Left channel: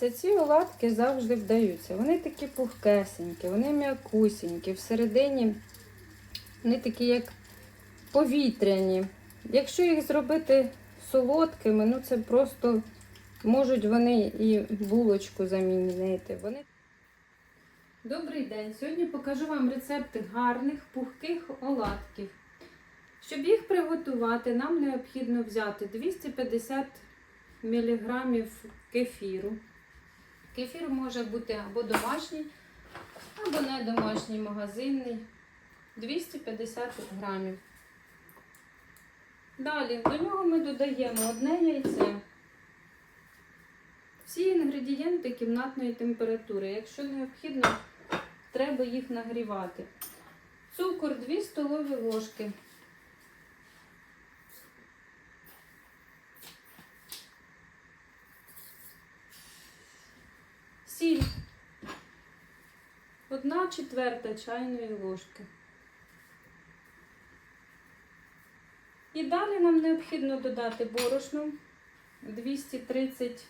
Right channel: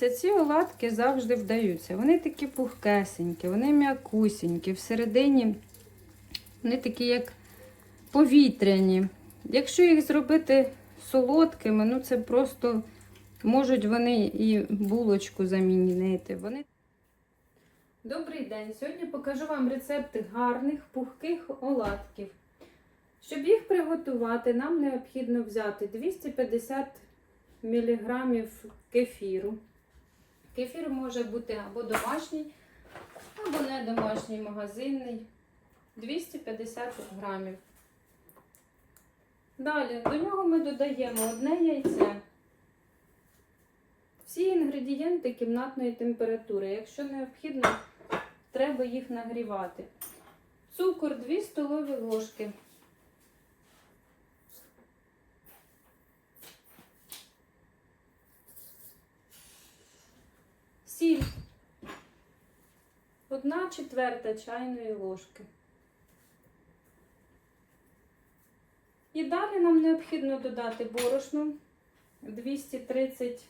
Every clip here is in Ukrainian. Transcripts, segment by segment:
Дивіться, ці оладки завжди вдаються. Вони такі пухкесенькі, вони м'якусінькі, всередині вони такі, як повітряні. Якщо їх зробити солодкими, ну це просто можуть вони і булочку замінити. Вони... Добрий день! Сьогодні покажу вам рецепти гарних пухких оладків. Щоб їх приготувати, нам необхідно взяти 250 мг кефіру. Кефір може бути або домашній, або не домашній магазинний. 250 грамів. Далі до нього ми додаємо одне яйце. Всі інгредієнти кімнатної температури. Якщо необхідно, треба їх нагрівати. Цукор 2 столові ложки. Одна четверта чайної ложки. І далі нам необхідно додати борошно 230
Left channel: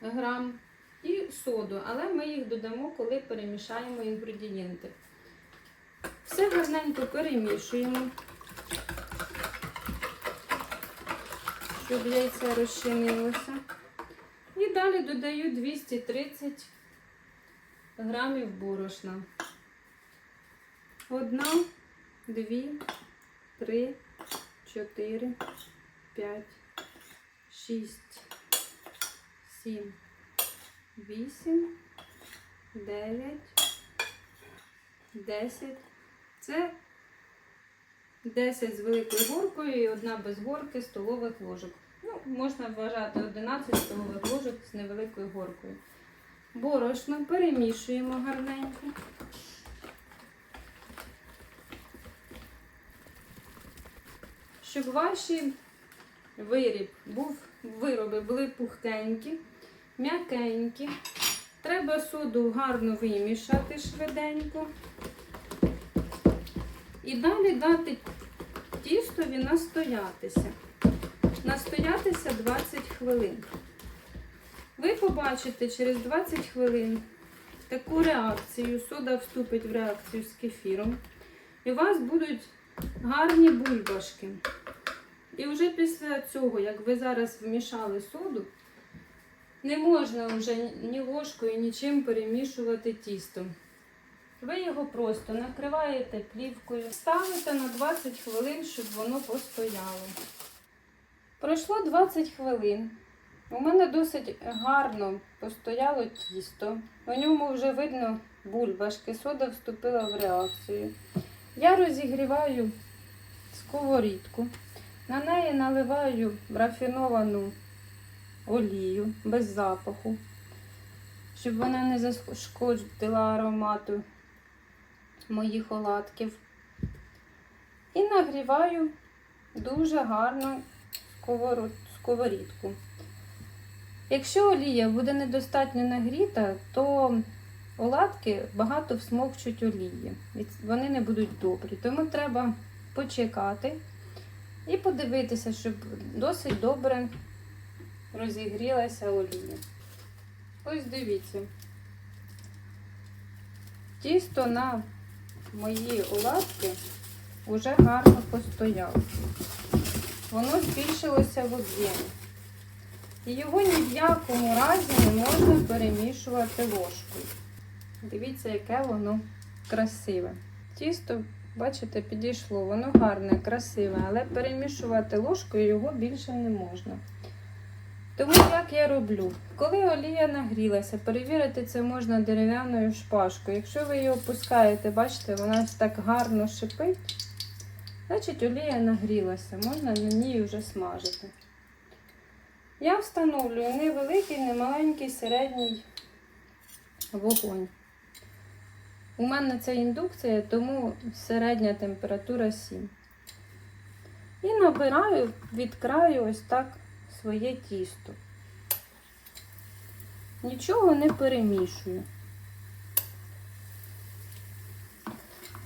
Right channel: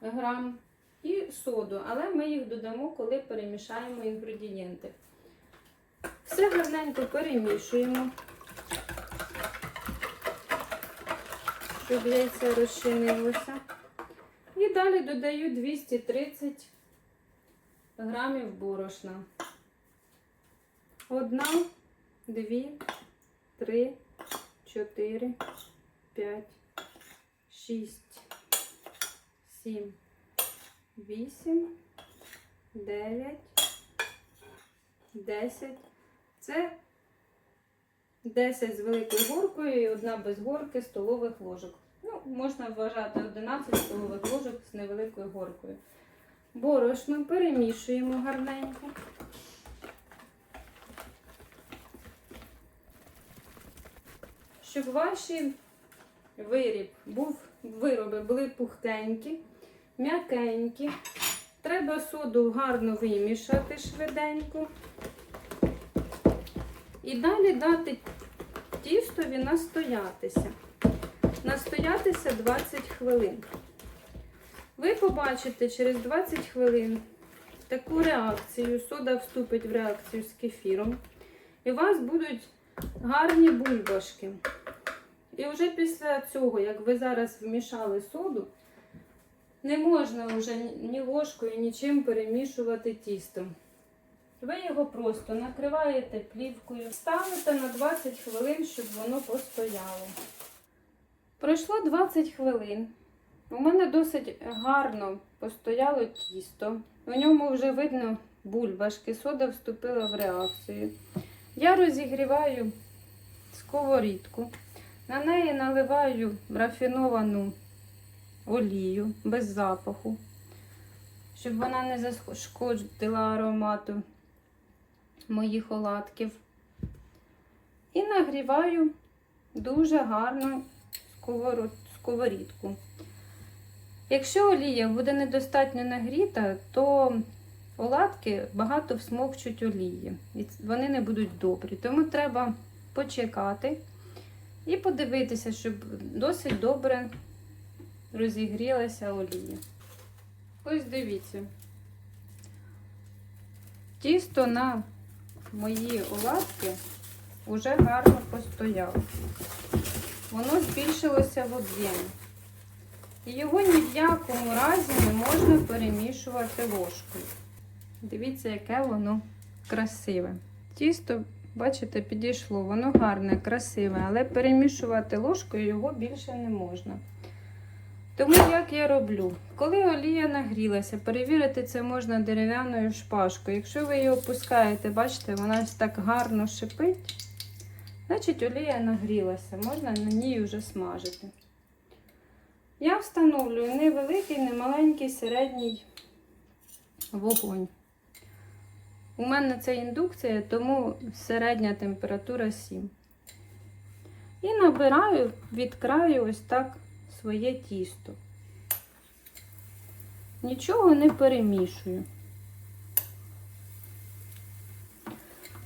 грам і соду, але ми їх додамо, коли перемішаємо інгредієнти. Все гарненько перемішуємо, щоб яйце розчинилося. І далі додаю 230 грамів борошна. Одна, дві, три, чотири, п'ять, шість, сім, вісім, дев'ять, десять. Це 10 з великою горкою і одна без горки столових ложок. Ну, можна вважати 11 столових ложок з невеликою горкою. Борошно перемішуємо гарненько. Щоб ваші виріб був, вироби були пухкенькі, м'якенькі. Треба соду гарно вимішати швиденько. І далі дати тістові настоятися. Настоятися 20 хвилин. Ви побачите через 20 хвилин таку реакцію. Сода вступить в реакцію з кефіром. І у вас будуть гарні бульбашки. І вже після цього, як ви зараз вмішали соду, не можна вже ні ложкою, нічим перемішувати тісто. Ви його просто накриваєте плівкою, ставите на 20 хвилин, щоб воно постояло. Пройшло 20 хвилин. У мене досить гарно постояло тісто. У ньому вже видно бульбашки, сода вступила в реакцію. Я розігріваю сковорідку. На неї наливаю рафіновану олію без запаху, щоб вона не зашкодила аромату моїх оладків. І нагріваю дуже гарно сковорідку. Якщо олія буде недостатньо нагріта, то оладки багато всмокчуть олії. І вони не будуть добрі. Тому треба почекати і подивитися, щоб досить добре розігрілася олія. Ось дивіться. Тісто на мої оладки вже гарно постояло. Воно збільшилося в об'ємі. І його ні в якому разі не можна перемішувати ложкою. Дивіться, яке воно красиве. Тісто, бачите, підійшло, воно гарне, красиве, але перемішувати ложкою його більше не можна. Тому як я роблю? Коли олія нагрілася, перевірити це можна дерев'яною шпажкою. Якщо ви її опускаєте, бачите, вона так гарно шипить, значить олія нагрілася, можна на ній вже смажити. Я встановлюю невеликий, не маленький середній вогонь. У мене це індукція, тому середня температура 7. І набираю від краю ось так своє тісто. Нічого не перемішую.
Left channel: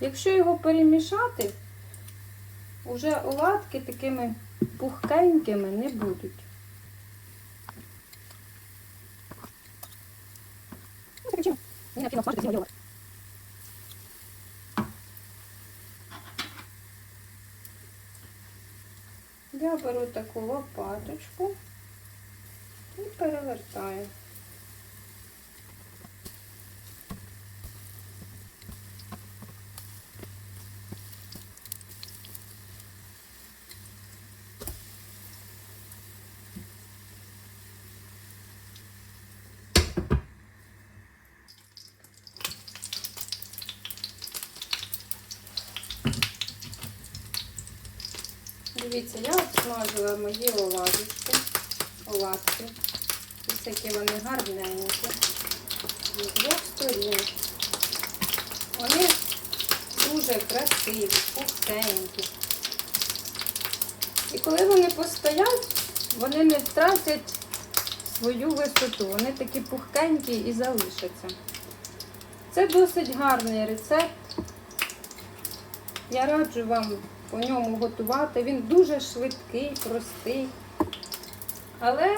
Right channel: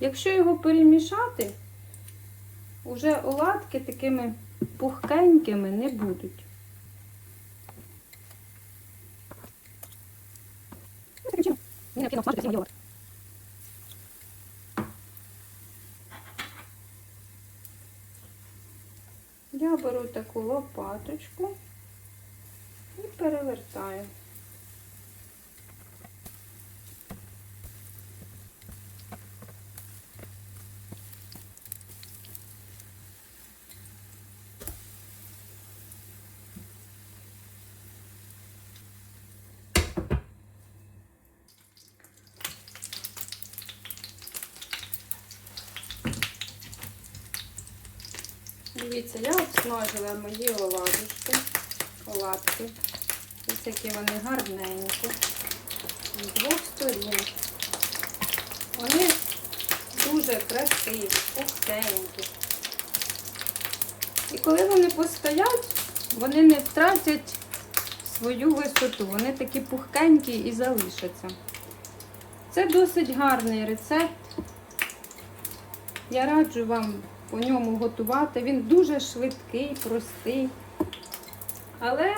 Якщо його перемішати, вже оладки такими пухкенькими не будуть. Я беру таку лопаточку і перевертаю. Дивіться, я обсмажила мої оладушки, оладки. Ось які вони гарненькі. З двох сторін. Вони дуже красиві, пухтенькі. І коли вони постоять, вони не втратять свою висоту. Вони такі пухкенькі і залишаться. Це досить гарний рецепт. Я раджу вам по ньому готувати. Він дуже швидкий, простий. Але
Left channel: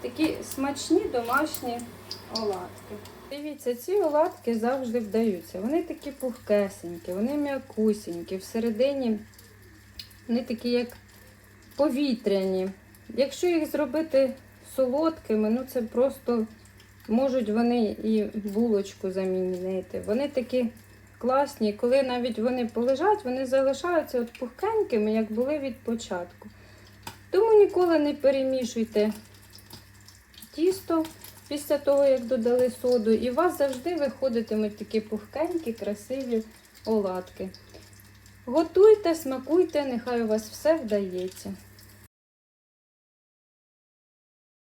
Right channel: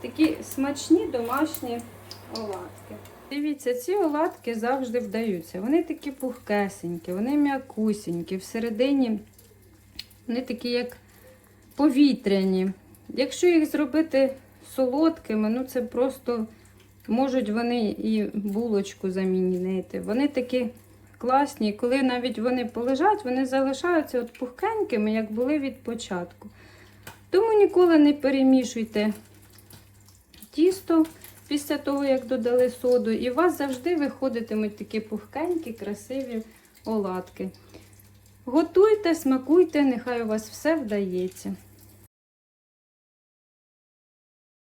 такі смачні домашні оладки. Дивіться, ці оладки завжди вдаються. Вони такі пухкесенькі, вони м'якусінькі, всередині вони такі, як повітряні. Якщо їх зробити солодкими, ну це просто можуть вони і булочку замінити. Вони такі класні, і коли навіть вони полежать, вони залишаються от пухкенькими, як були від початку. Тому ніколи не перемішуйте тісто після того, як додали соду, і у вас завжди виходитимуть такі пухкенькі, красиві оладки. Готуйте, смакуйте, нехай у вас все вдається.